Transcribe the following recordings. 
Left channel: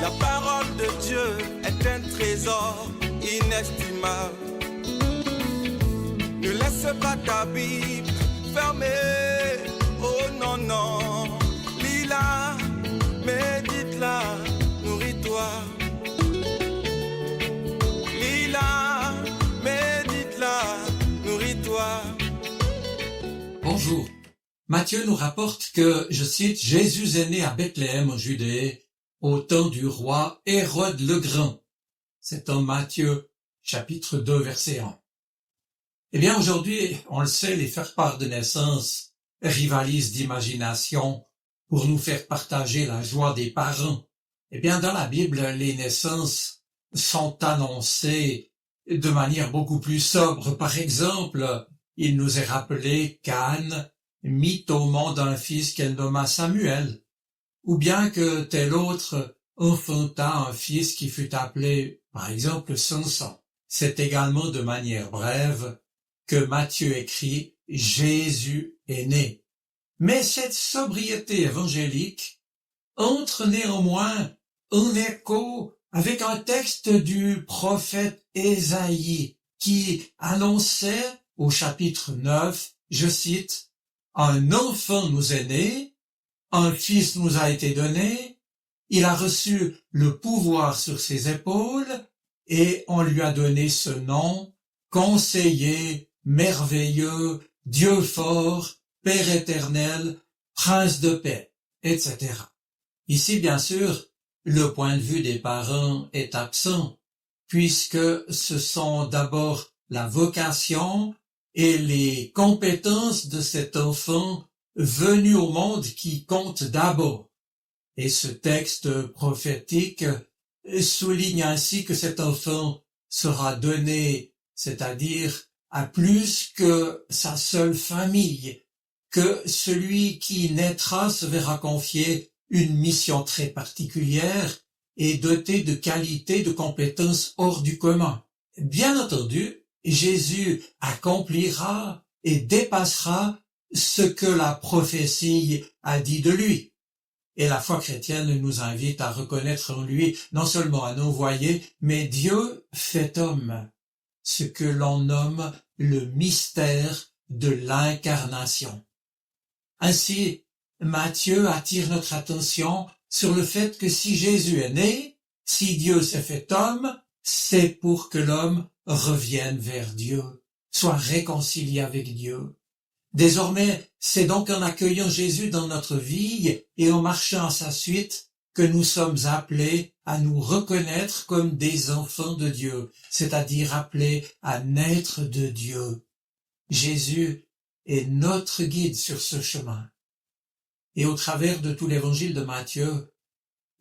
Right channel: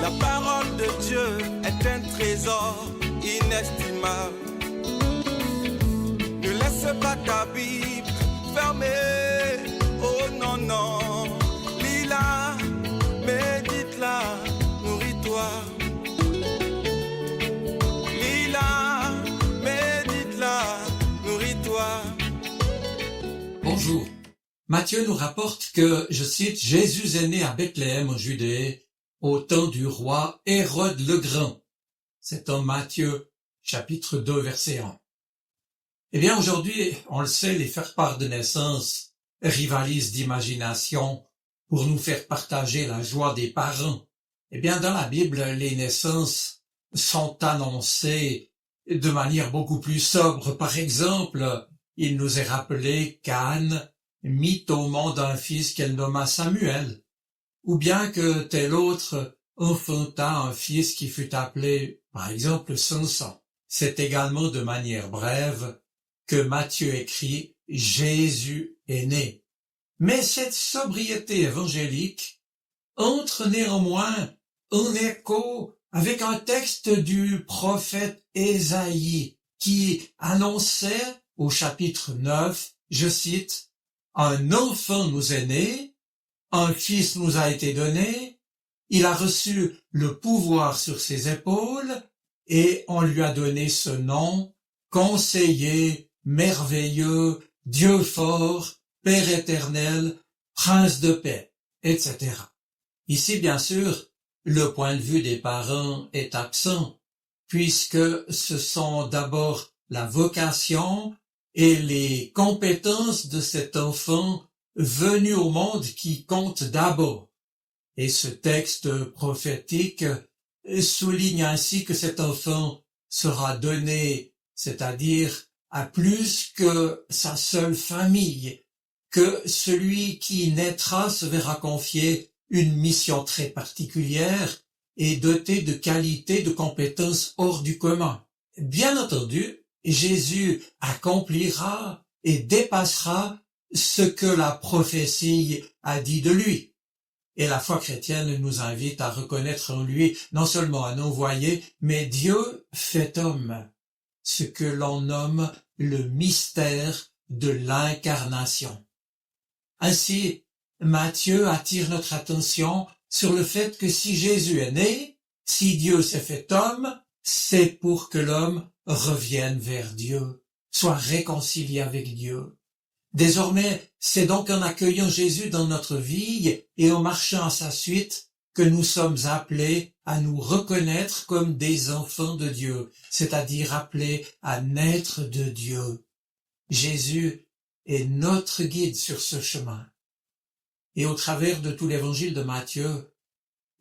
La parole de Dieu est un trésor inestimable. Ne laisse pas ta Bible fermée. Oh non, non. Lis-la, médite-la, nourris-toi. Lis-la, médite-la, nourris-toi. Bonjour. Matthieu nous rapporte que, je cite, « Jésus est né à Bethléem en Judée, au temps du roi Hérode le Grand ». C'est en Matthieu, chapitre 2, verset 1. Eh bien, aujourd'hui, on le sait, les faire-part de naissance rivalisent d'imagination pour nous faire partager la joie des parents. Eh bien, dans la Bible, les naissances sont annoncées de manière beaucoup plus sobre. Par exemple, il nous est rappelé qu'Anne mit au monde un fils qu'elle nomma Samuel, ou bien que tel autre enfanta un fils qui fut appelé, par exemple, Samson. C'est également de manière brève que Matthieu écrit « Jésus est né ». Mais cette sobriété évangélique entre néanmoins en écho avec un texte du prophète Ésaïe qui annonçait au chapitre 9, je cite, « Un enfant nous est né, un fils nous a été donné, il a reçu le pouvoir sur ses épaules et on lui a donné ce nom, conseiller, merveilleux, Dieu fort, Père éternel, Prince de paix, etc. » Ici, bien sûr, le point de vue des parents est absent, puisque ce sont d'abord la vocation et les compétences de cet enfant venu au monde qui comptent d'abord. Et ce texte prophétique souligne ainsi que cet enfant sera donné, c'est-à-dire à plus que sa seule famille, que celui qui naîtra se verra confier une mission très particulière et doté de qualités, de compétences hors du commun. Bien entendu, Jésus accomplira et dépassera ce que la prophétie a dit de lui. Et la foi chrétienne nous invite à reconnaître en lui non seulement un envoyé, mais Dieu fait homme, ce que l'on nomme le mystère de l'incarnation. Ainsi, Matthieu attire notre attention sur le fait que si Jésus est né, si Dieu s'est fait homme, c'est pour que l'homme revienne vers Dieu, soit réconcilié avec Dieu. Désormais, c'est donc en accueillant Jésus dans notre vie et en marchant à sa suite que nous sommes appelés à nous reconnaître comme des enfants de Dieu, c'est-à-dire appelés à naître de Dieu. Jésus est notre guide sur ce chemin. Et au travers de tout l'évangile de Matthieu,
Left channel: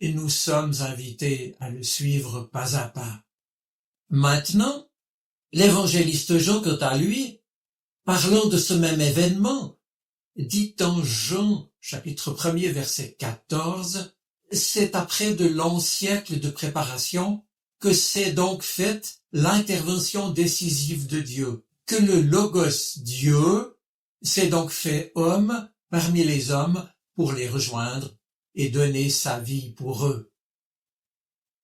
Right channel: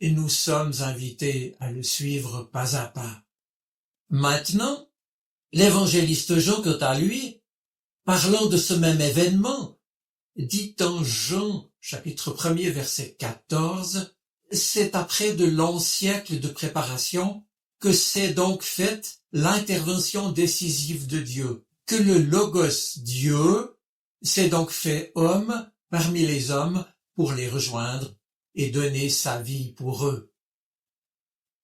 nous sommes invités à le suivre pas à pas. Maintenant, l'évangéliste Jean, quant à lui, parlant de ce même événement, dit en Jean, chapitre 1er, verset 14, « C'est après de longs siècles de préparation que s'est donc faite l'intervention décisive de Dieu, que le Logos Dieu s'est donc fait homme parmi les hommes pour les rejoindre et donner sa vie pour eux.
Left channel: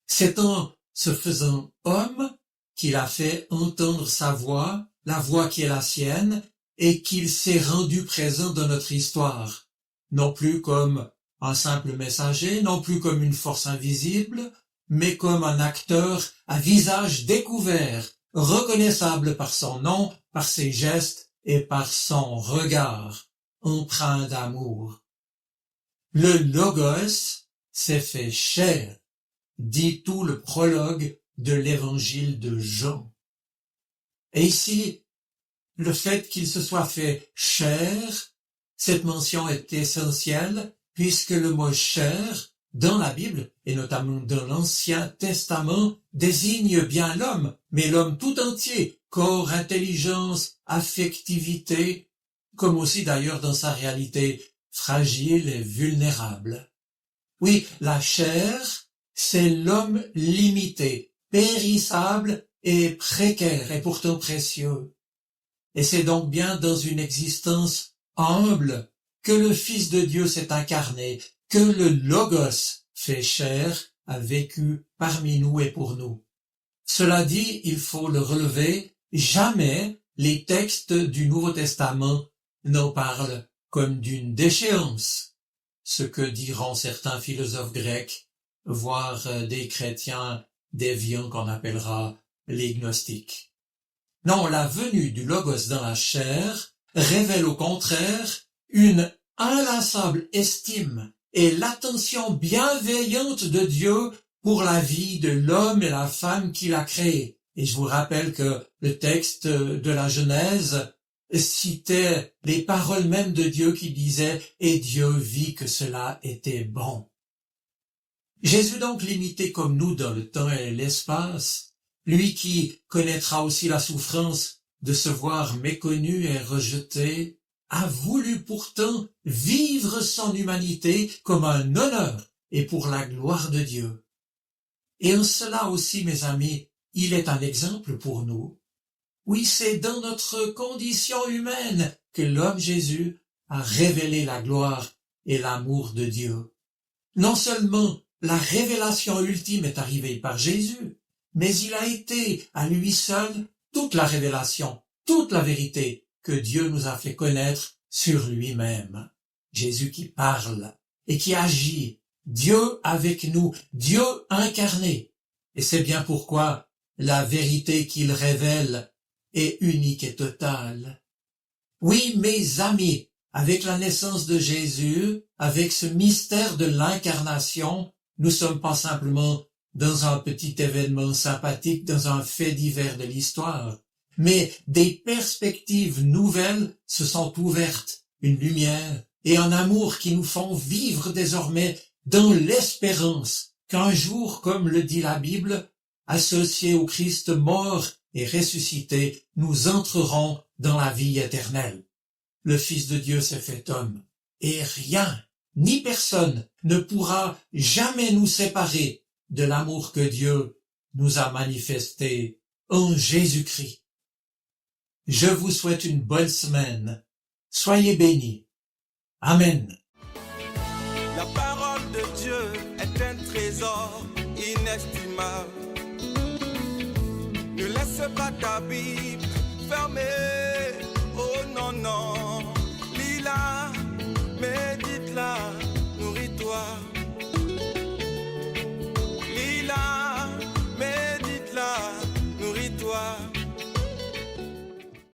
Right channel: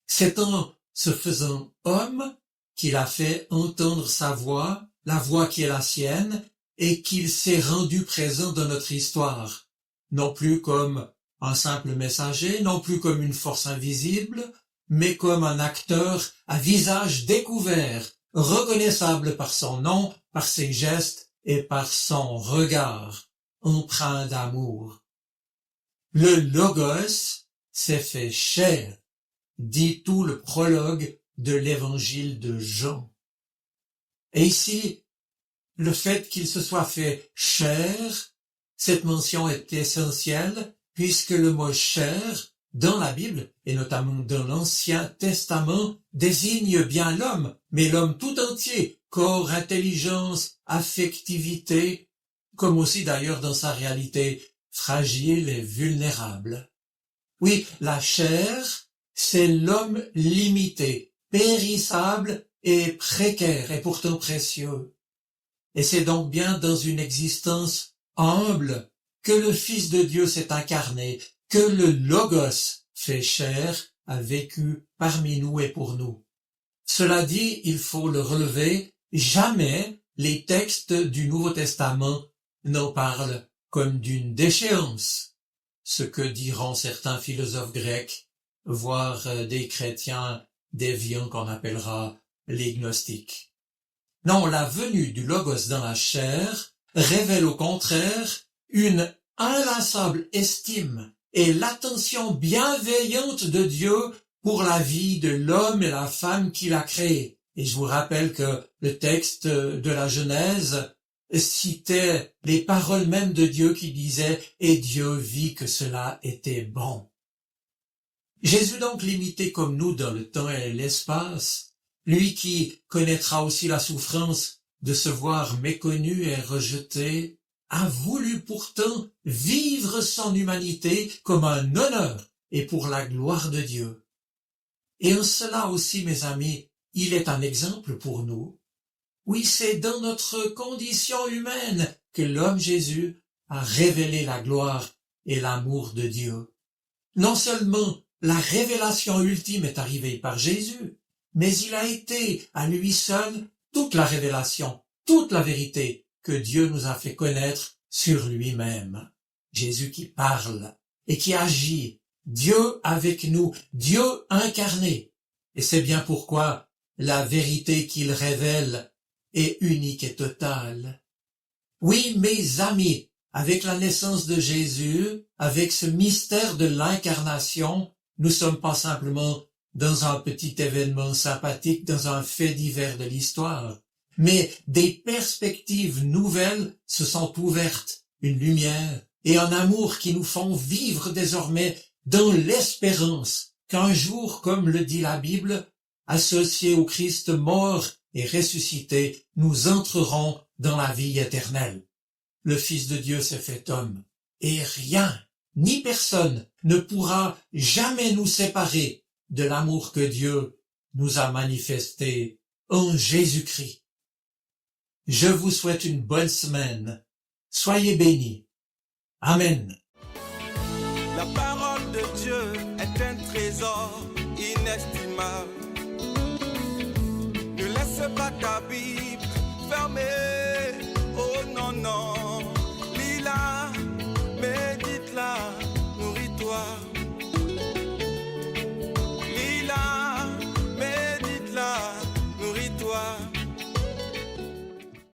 C'est en se faisant homme qu'il a fait entendre sa voix, la voix qui est la sienne, et qu'il s'est rendu présent dans notre histoire, non plus comme un simple messager, non plus comme une force invisible, mais comme un acteur à visage découvert, reconnaissable par son nom, par ses gestes et par son regard, empreint d'amour. Le Logos s'est fait chair, dit tout le prologue de l'évangile de Jean. Et ici, le fait qu'il se soit fait chair, cette mention est essentielle puisque le mot chair, dans la Bible, et notamment dans l'Ancien Testament, désigne bien l'homme, mais l'homme tout entier, corps, intelligence, affectivité, comme aussi d'ailleurs dans sa réalité fragile et vulnérable. Oui, la chair, c'est l'homme limité, périssable et précaire, et pourtant précieux. Et c'est donc bien dans une existence humble que le Fils de Dieu s'est incarné, que le Logos fait chair a vécu parmi nous et pour nous. Cela dit, il faut le relever, jamais les textes du Nouveau Testament n'en parlent comme d'une déchéance, ce que diront certains philosophes grecs, voire des chrétiens déviants qu'on appellera les gnostiques. Non, la venue du Logos dans la chair révèle au contraire une inlassable estime et l'attention bienveillante de Dieu pour la vie de l'homme et la femme qu'il a créé. Et je vous rappelle que le texte de la Genèse citait les paroles mêmes de Dieu qui disaient « Et Dieu vit que cela était bon ». Jésus donc limité comme nous dans le temps et l'espace, lui qui connaîtra aussi la souffrance de se voir méconnu et rejeté, a voulu pourtant vivre son humanité comme un honneur et pour la gloire de Dieu. Et en cela aussi, mes amis, il est un exemple pour nous. Oui, c'est dans notre condition humaine que l'homme Jésus a révélé la gloire et l'amour de Dieu. Non seulement la révélation ultime est arrivée par Jésus, mais il a été à lui seul toute la révélation, toute la vérité que Dieu nous a fait connaître sur lui-même. Jésus qui parle et qui agit, Dieu avec nous, Dieu incarné. Et c'est bien pourquoi la vérité qu'il révèle est unique et totale. Oui, mes amis, avec la naissance de Jésus, avec ce mystère de l'incarnation, nous sommes pas simplement dans un petit événement sympathique, dans un fait divers de l'histoire, mais des perspectives nouvelles se sont ouvertes, une lumière et un amour qui nous font vivre désormais dans l'espérance qu'un jour, comme le dit la Bible, associés au Christ mort et ressuscité, nous entrerons dans la vie éternelle. Le Fils de Dieu s'est fait homme, et rien, ni personne, ne pourra jamais nous séparer de l'amour que Dieu nous a manifesté en Jésus-Christ. Je vous souhaite une bonne semaine. Soyez bénis. Amen. La parole de Dieu est un trésor inestimable. Ne laisse pas ta Bible fermée. Oh non, non.